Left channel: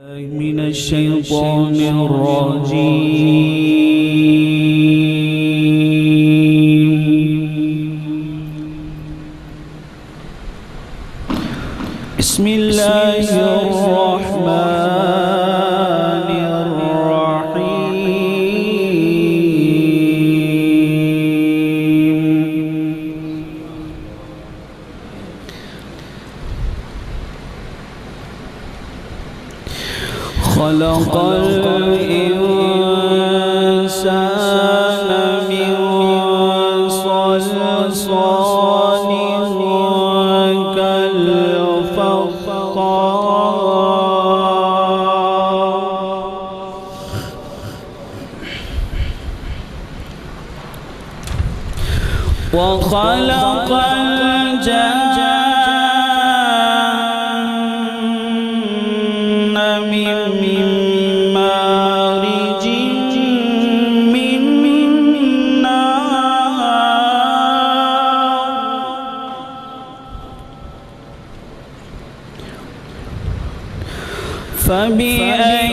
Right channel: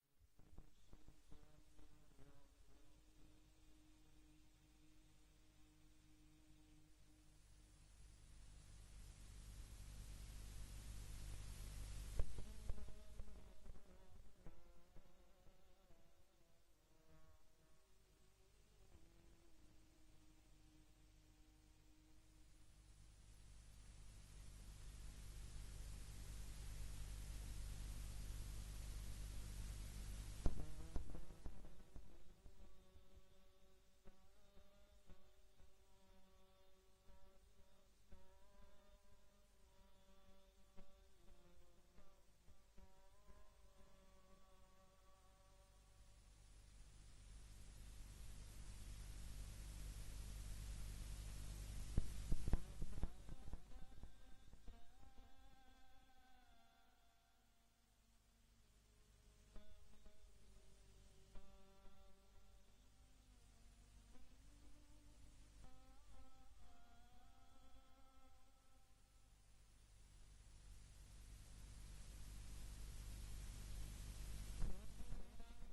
من الشيطان الرجيم. بسم الله الرحمن الرحيم. خلق الإنسان من صلصال كالفخار وخلق الجن من مارج من نار فبأي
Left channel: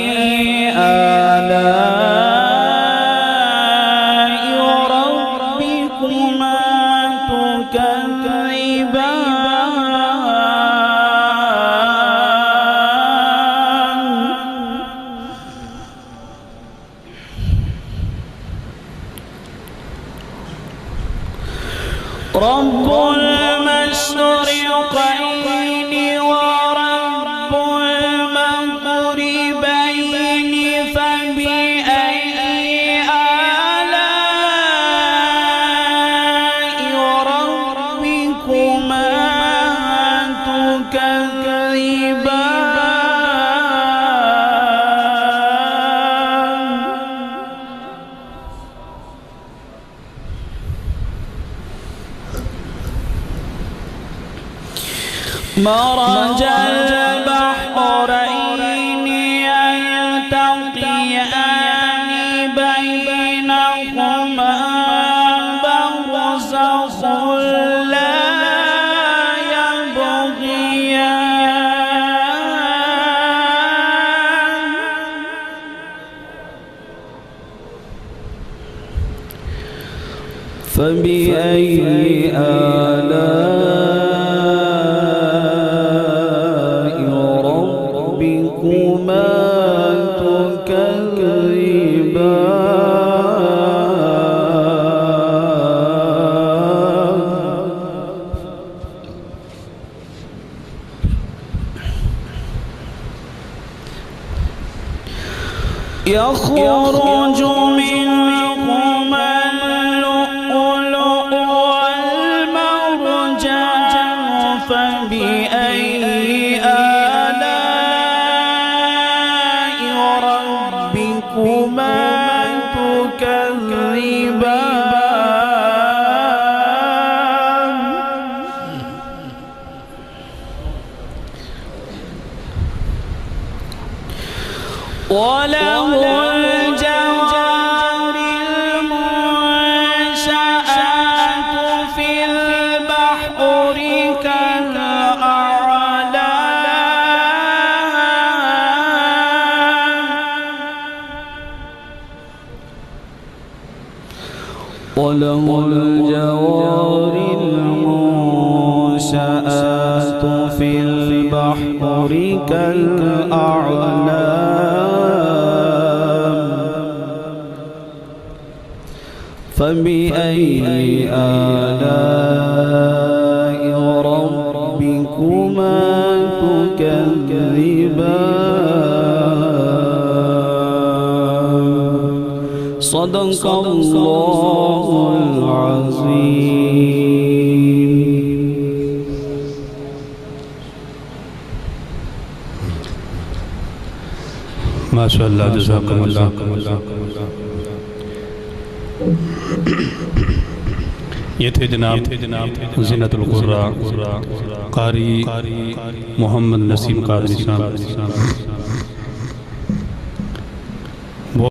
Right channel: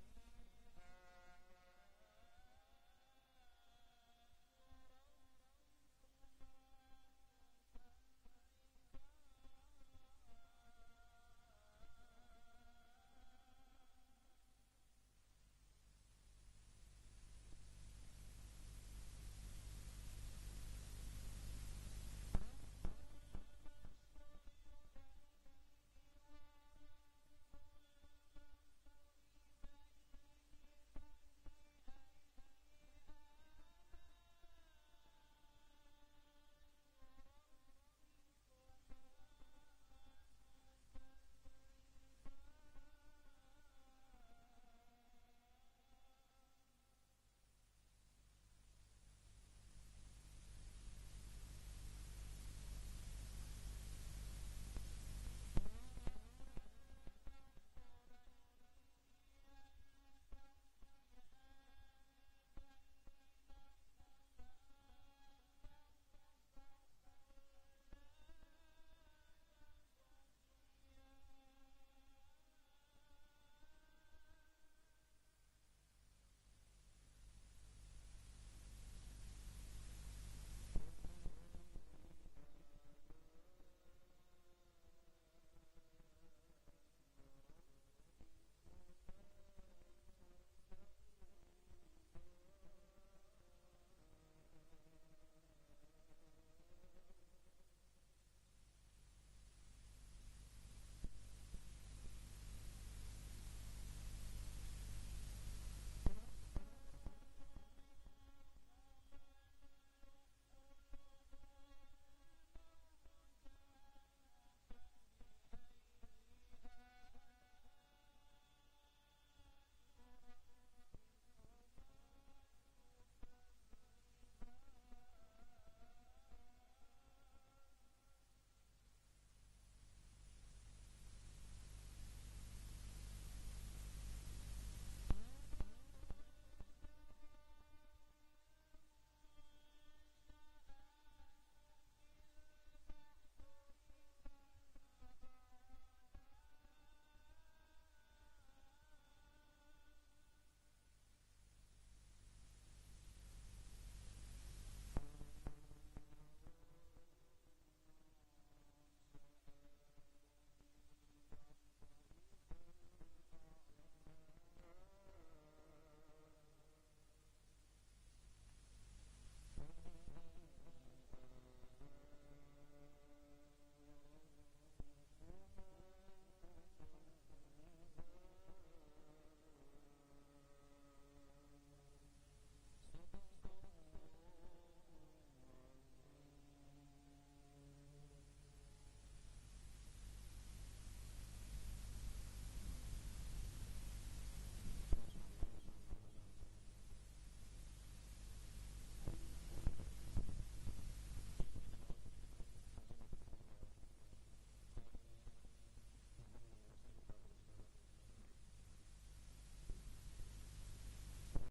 آلاء ربكما رب المشرقين ورب المغربين فبأي آلاء ربكما تكذبان مرج البحرين يلتقيان بينهما برزخ لا يبغيان فبأي آلاء ربكما تكذبان يخرج منهما اللؤلؤ والمرجان فبأي آلاء ربكما تكذبان وله الجوار المنشآت في البحر كالأعلام وله الجوار المنشآت في البحر كالأعلام فبأي آلاء ربكما تكذبان صدق الله العظيم. ما شاء الله جزاكم الله. ये थे जनाब ज़ीनतुल क़ुर्रा कारी मोहम्मद नसीम कादरी साहब।